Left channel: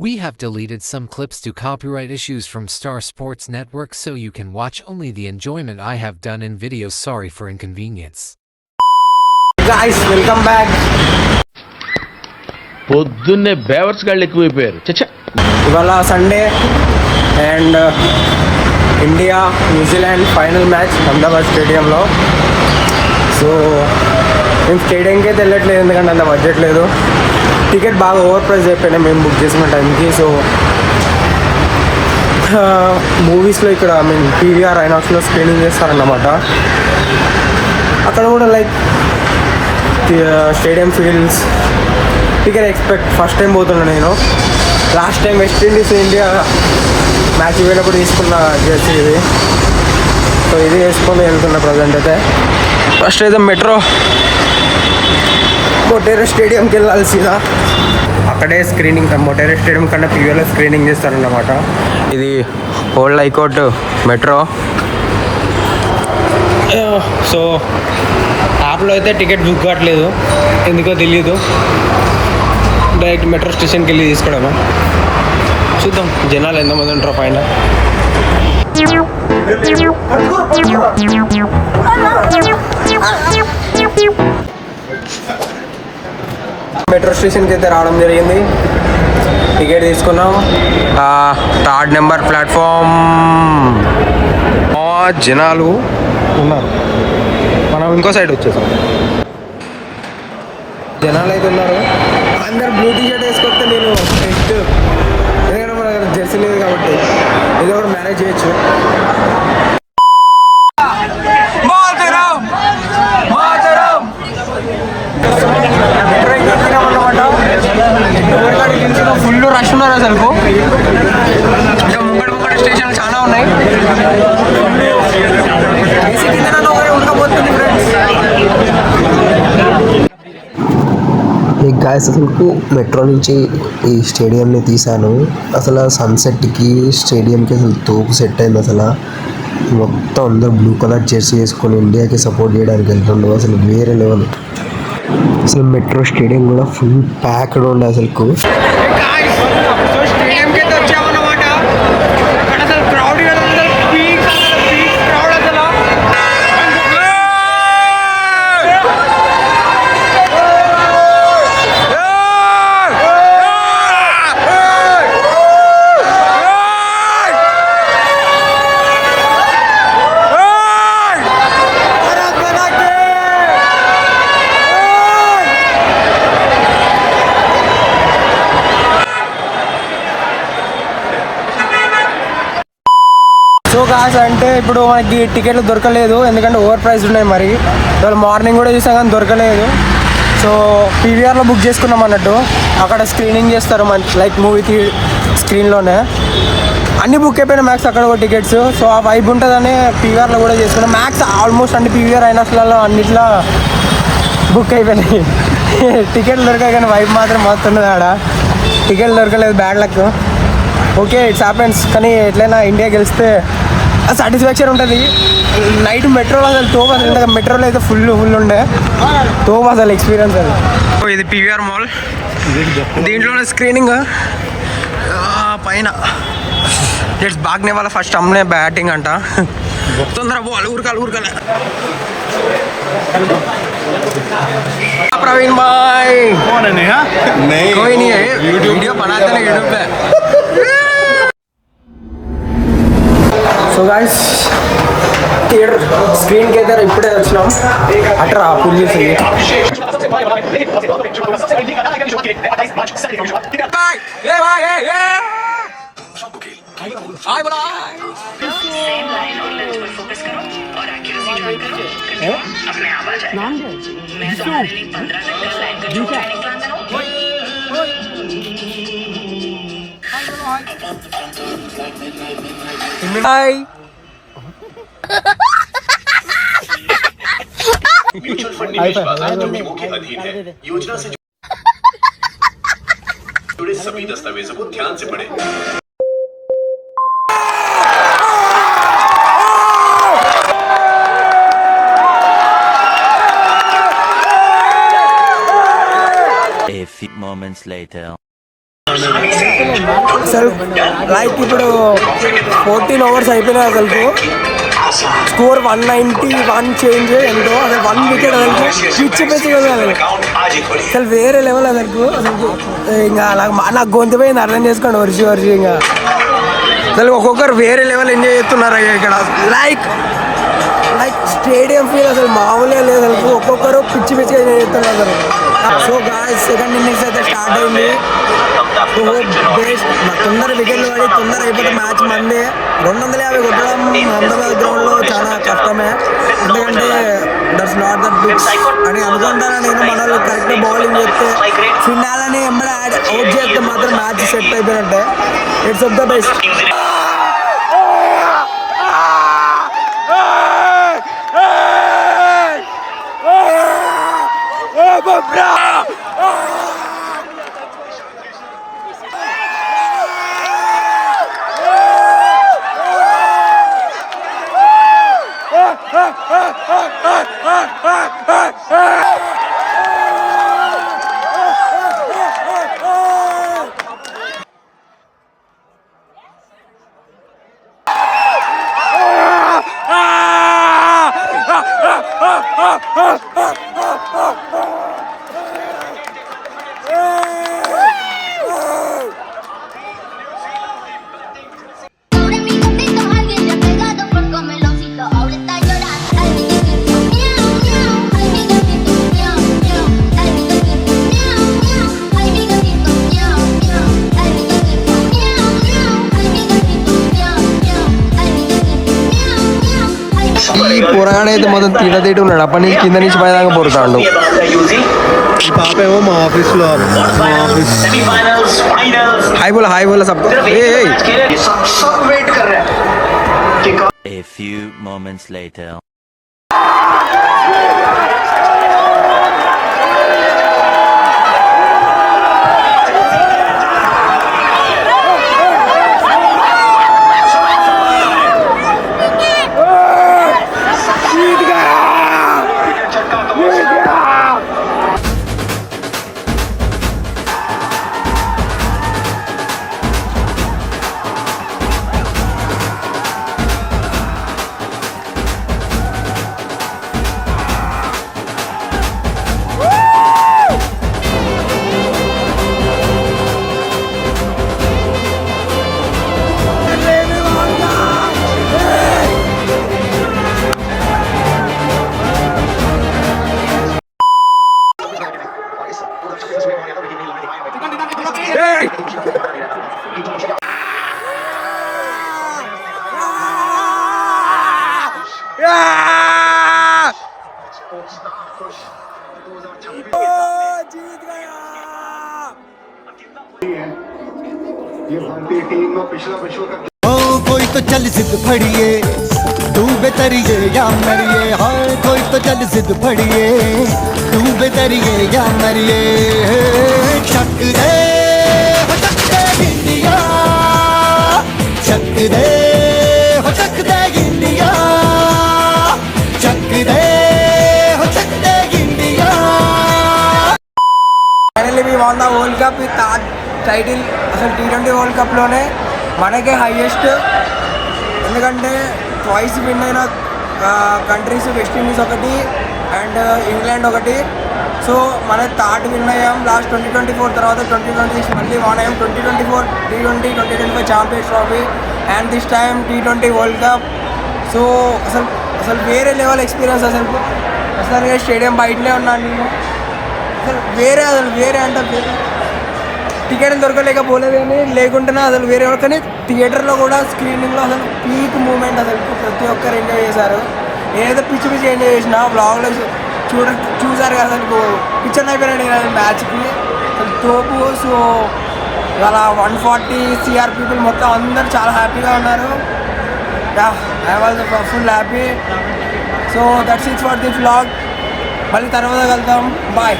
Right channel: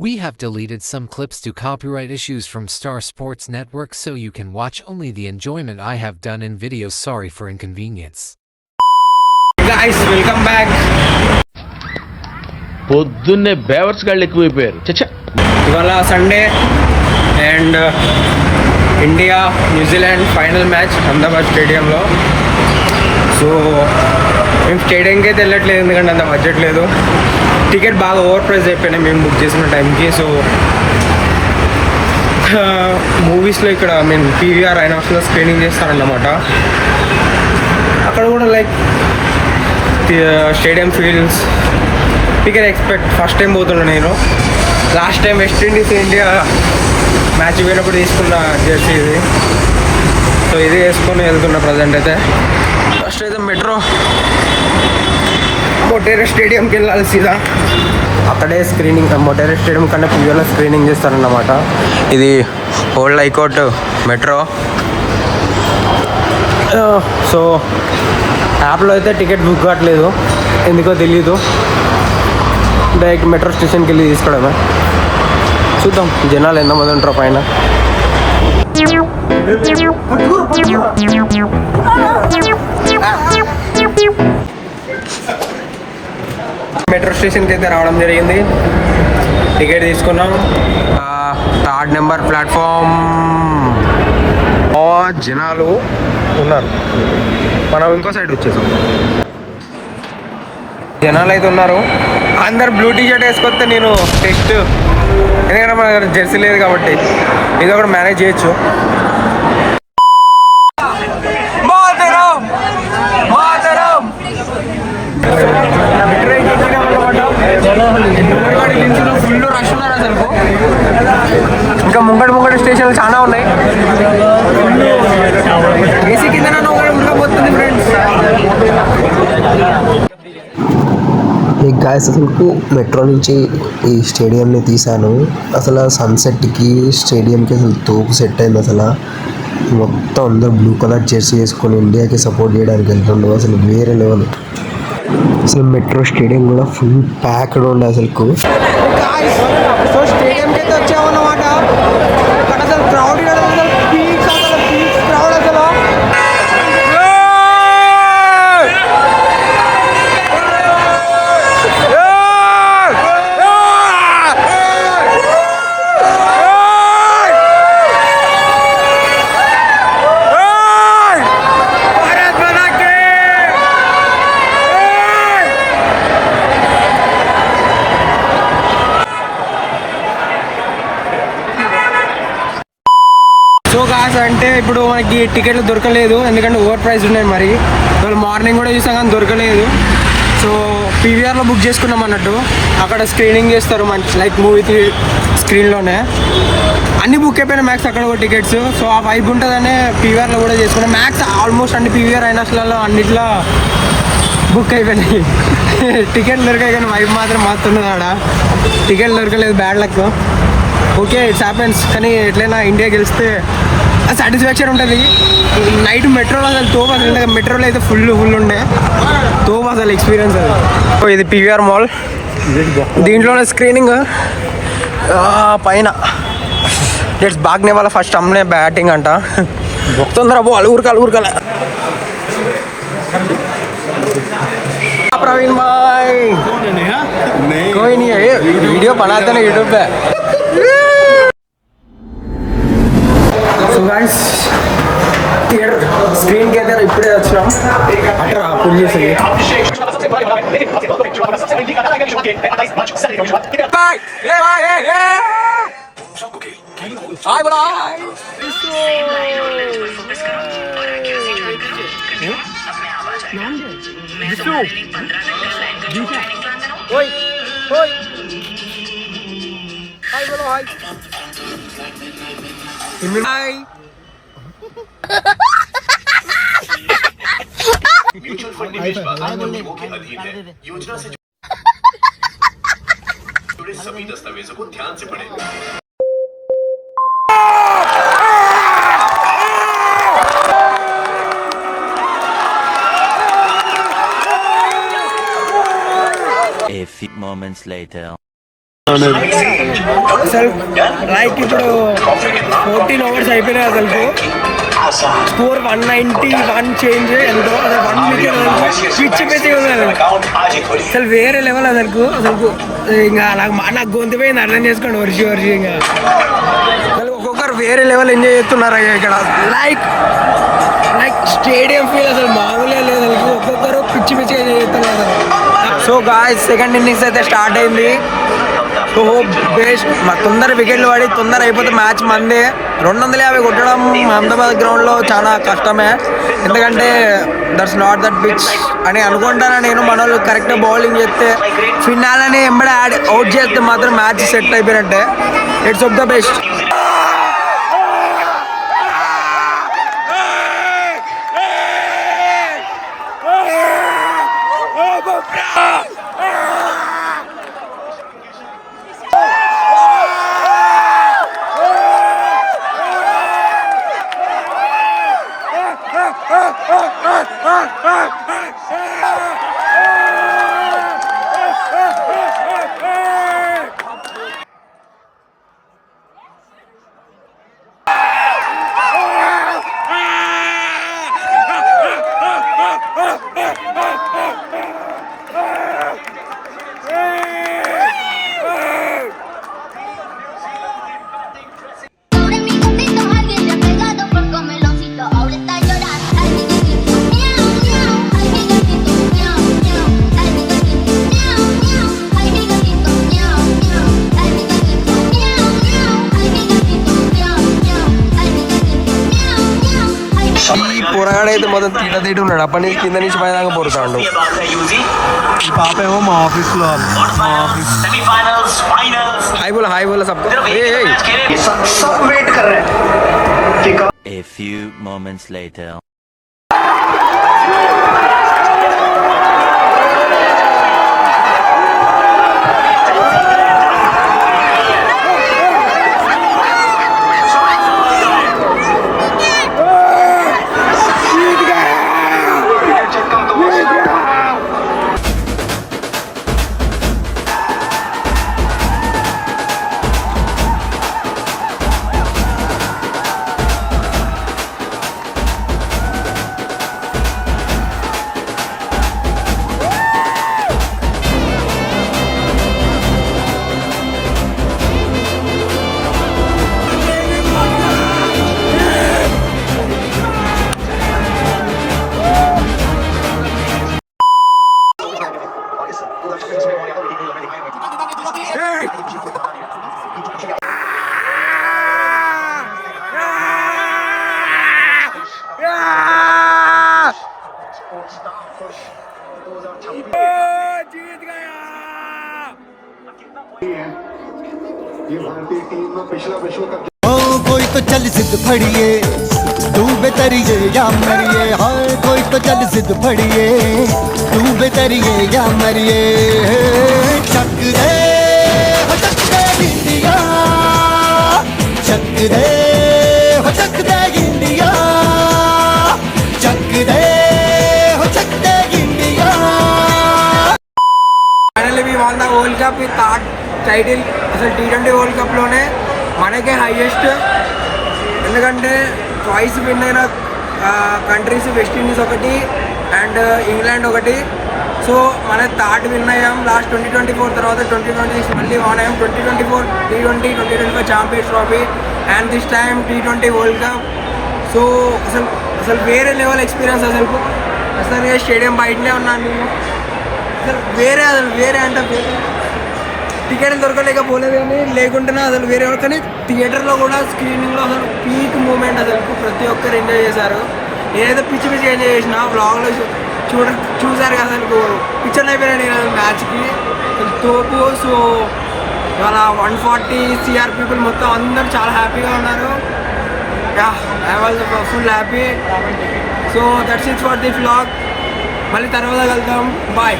We have deleted some clips to copyright issues from Star Sports Network so you can watch only the enjoyment I have done in videos. Sorry for inconvenience. Guys, welcome back. పొద్దున్నే బేవర్స్ గాళ్ళు ఎక్కువైపోయారు. చచ్చా ఇవాళ Sunday and India New Zealand final match Ahmedabad స్టేడియంలో. సో మేము స్టేడియంకి అయితే వెళ్ళట్లేదు ఎందుకంటే అంత బడ్జెట్ లేదు. టికెట్ బాగా ఓవర్ ప్రైస్ అయిపోయినాయి మేము బుక్ చేసిన టైంకి. సో మూవీస్లో ఇక్కడ పీవీఆర్ ఐనాక్స్లో స్క్రీనింగ్ చేస్తారన్నమాట. అక్కడ కూడా like stadium feels ticket expect first time పోతున్నా నేను. Last time West Indies India match పోయినప్పుడు తీసుకున్న జెర్సీ ఇది. సో ఇది వేసుకొని వెళ్తున్నా ప్రజెంట్ అయితే. ఫస్ట్ అయితే మొటేరా స్టేడియంకి వెళ్ళాలి సీదా. అక్కడే స్క్రీనింగ్ మొటేరా స్టేడియం కన్నా పీవీఆర్లో స్క్రీనింగ్ చేస్తారన్నమాట. ఇది ఓల్డ్ హైకోర్టు మెట్రో. సో యాప్లో అయితే టికెట్ బుక్ కావట్లేదు ఎందుకో తెలీదు. డైరెక్ట్ మెట్రో స్టేషన్కి వెళ్ళి తీసుకోవడమే. చూద్దాం జనాలు ఎంతమంది ఉంటారో పైన. మెట్రో స్టేషన్కి అయితే రావడం జరిగింది. టికెట్ తీసుకున్నాం. 3rd number platform. జనాలు ఉన్నారు. మనం ఇంకో సైడ్ వచ్చేసాం. జనాలు అయితే ఉన్నారు. అందరు బ్లూ టీషర్ట్ వేసుకొస్తే నేను టెస్ట్ ఎందుకంటే మన దగ్గర జెర్సీ లేదు కాబట్టి ఇది ఒకటి మేనేజ్ చేయొచ్చు. ఫుల్ రష్ ఉన్నారు అసలు. ఇంకా ముంగడి స్టేషన్లు చాలా ఉన్నాయి. ఏసీ కింద ఉడకపోతుంది ఫ్రెండ్స్. ఈ గాయస్ అసలు మెట్రో నుంచి ఈ స్టేడియంని తీశాను. అసలు సన్సెట్కి స్టేడియంకి అసలు తోపు సెట్ అయింది. అసలు మొత్తం అందరూ బ్లూ కలర్ జెర్సీ వేసుకొని ఇండియాకి సపోర్ట్ చేయడానికి వెళ్తుండ్రు. అసలు వేరే లెవెల్. అసలు మెట్రో స్టేడియం కూడా ఫుల్ ప్యాక్డ్ ఉండే అసలు. సో స్టేడియంకి అయితే వచ్చామన్నమాట. అక్కడ అసలు క్రౌడ్ క్రౌడ్ అసలు. సో కాస్ అంటే ఇప్పుడు మనకి టికెట్లు దొరకలేదు ఎందుకంటే ఓవర్ ప్రైస్ ఉన్నాయి. మరి ఇవాళ మార్నింగ్ కూడా చూసాం కానీ దొరకలేదు. సో పీవీఆర్లో బుక్ చేసుకున్నాం అన్నట్టు. అక్కడ స్క్రీనింగ్ చేస్తారు మంచి లైక్ మూవీకి స్క్రీన్లోనే. అన్ని బుక్ అయిపోయినా మ్యాక్స్ అక్కడ కూడా టికెట్స్. సో ఆ వైబ్ ఉంటుందని పీవీఆర్లో కూడా చేసుకున్నాం. మ్యాక్స్ ఆల్మోస్ట్ అన్ని పీవీఆర్ ఐనాక్స్లలో అన్నిట్లో బుక్ అయిపోయినాయి. టికెట్లు దొరికాయి కానీ వైబ్ మాత్రం మస్తున్నది. ఆడ టికెట్లు దొరకలేదు, bad luck. Okay it's happens. కానీ ఎట్లయినా ఇండియా గెలిస్తే సాటిస్ఫాక్షన్ ఉంటుంది. నైట్ మెట్రోలో అసలు తోపు అసలు మెట్రోలో అయితే ఫుల్ ఉండే తోపు అసలు ఎక్స్పీరియన్స్ అది. ఇది పీవీఆర్ మాల్. దీంట్లోనే స్క్రీనింగ్ పైన. ఇట్స్ బాగ్నే వాళ్ళ ఫస్ట్ అమ్మే బ్యాటింగ్ అంట. తొందర బాల్ ఊరకాల. प्रवीण भाई कौन है? नहीं कोई नहीं है. वीडियो बनाते ना यूट्यूब पे. సో గాయ్స్ థియేటర్ స్క్రీన్కి అయితే ఇప్పుడే వచ్చినాం. అట్రా పుల్ చేసి म्यूचुअल फंड निवेश बाजार में नियमों के अधीन है. योजना से जुड़े सभी दस्तावेजों को ध्यान से पढ़ें. A few moments later. అసలు లైక్ ఇప్పుడు 14 overs అయిపోయినాయి అసలు. స్కోర్ 191 చేంజ్ ఎంతో అసలు 1 wicket అసలు పిచ్చి పిచ్చి అసలు వేరే లెవెల్ అసలు ఇంకా నాకు గొంతు పోయింది, అర్థం చేసుకోండి. వర్షి ఇంకా అసలు ఒక్కొక్కరు వేరే లెవెల్ ఎంజాయ్ చేస్తున్నారు ఇక్కడ. లైక్ స్టేడియం ఫీల్ అసలు మామూలుగా లేదు అసలు. ఒక్కొక్కరు పిచ్చి పిచ్చిగా ఎంజాయ్ చేస్తున్నారు అసలు. సో గాయ్స్ సెకండ్ ఇన్నింగ్స్ అయితే స్టార్ట్ అయింది. సో బేస్ట్ తొందర వికెట్లు పడి తొందర అయిపోతే మ్యాచ్ మందే. 250 కొట్టడం అహ్మదాబాద్ గ్రౌండ్లో చాలా కష్టమే, ఎందుకంటే దట్స్ నాట్ దట్ పిచ్ అని అనుకుంటాను నేను. మన వాళ్ళు కరెక్ట్గా బౌలింగ్ చేస్తే ఫినాలని ఎంబడి అవుట్ చేస్తే మాత్రం మ్యాచ్ సెట్ అయిపోయినట్టే. It's of the best. అయితే మొత్తం తినదేటి ఉన్నాడు. అప్పటి నుంచి కింద నుంచి పైదాకా పోతాడు. ఈ పాప ఏమో మా ఆఫీస్లో హాయ్ బోలా సబ్. A few moments later. जीत गया। ये भारतीय टीम में पिछला विश्व कप कोई तो चल जिद फड़िए तू बेतरिए या मरिए, हाँ कोई तो चल जिद फड़िए तू बेतरिए या मरिए। चक दे हो चक दे इंडिया, चक दे हो चक दे इंडिया, चक दे हो चक दे India. Finally we won the world cup with third title. అసలు T20 వరల్డ్ కప్లోనే మనకే హైయెస్ట్, ఎందుకంటే ట్వైస్ విన్ అయిన కంట్రీస్ వెస్టిండీస్ ఒకటి అండ్ ఇంగ్లాండ్ ఒకటి. సో మన థర్డ్ విన్ అయ్యాం లాస్ట్ 2024 తర్వాత 2026 మళ్ళీ వన్ అయ్యాం. 2024 T20, 2025 champions trophy and this time T20 world cup. So అసలు వేరే లెవెల్ ఎక్స్పీరియన్స్. అసలు స్టేడియం బయటనే ఉన్నాను నేను. అసలు వేరే అంటే టికెట్ దొరకలేకపోలేదు, కానీ లేకుంటేనే అసలు వేరే. కానీ థియేటర్లో కూడా స్క్రీనింగ్లో అసలు పీక్ మూమెంట్ అసలు ప్రతి ఒక్కరు ఎంజాయ్ చేశారు. ఏదైతే పిచ్చి ఎంజాయ్ చేసినా వ్లాగ్లో చూసారు కదా, అసలు పిక్చర్లు అయిపోయినా నేను అసలు మ్యాచ్కి అసలు తోపు. సో వాళ్ళ 140 CR పీపుల్ మొత్తం అందరూ చాలా హ్యాపీగా ఉన్నారు. I was full happy. So that's it for the vlog. మళ్ళీ తర్వాత కలుద్దాం. బాయ్.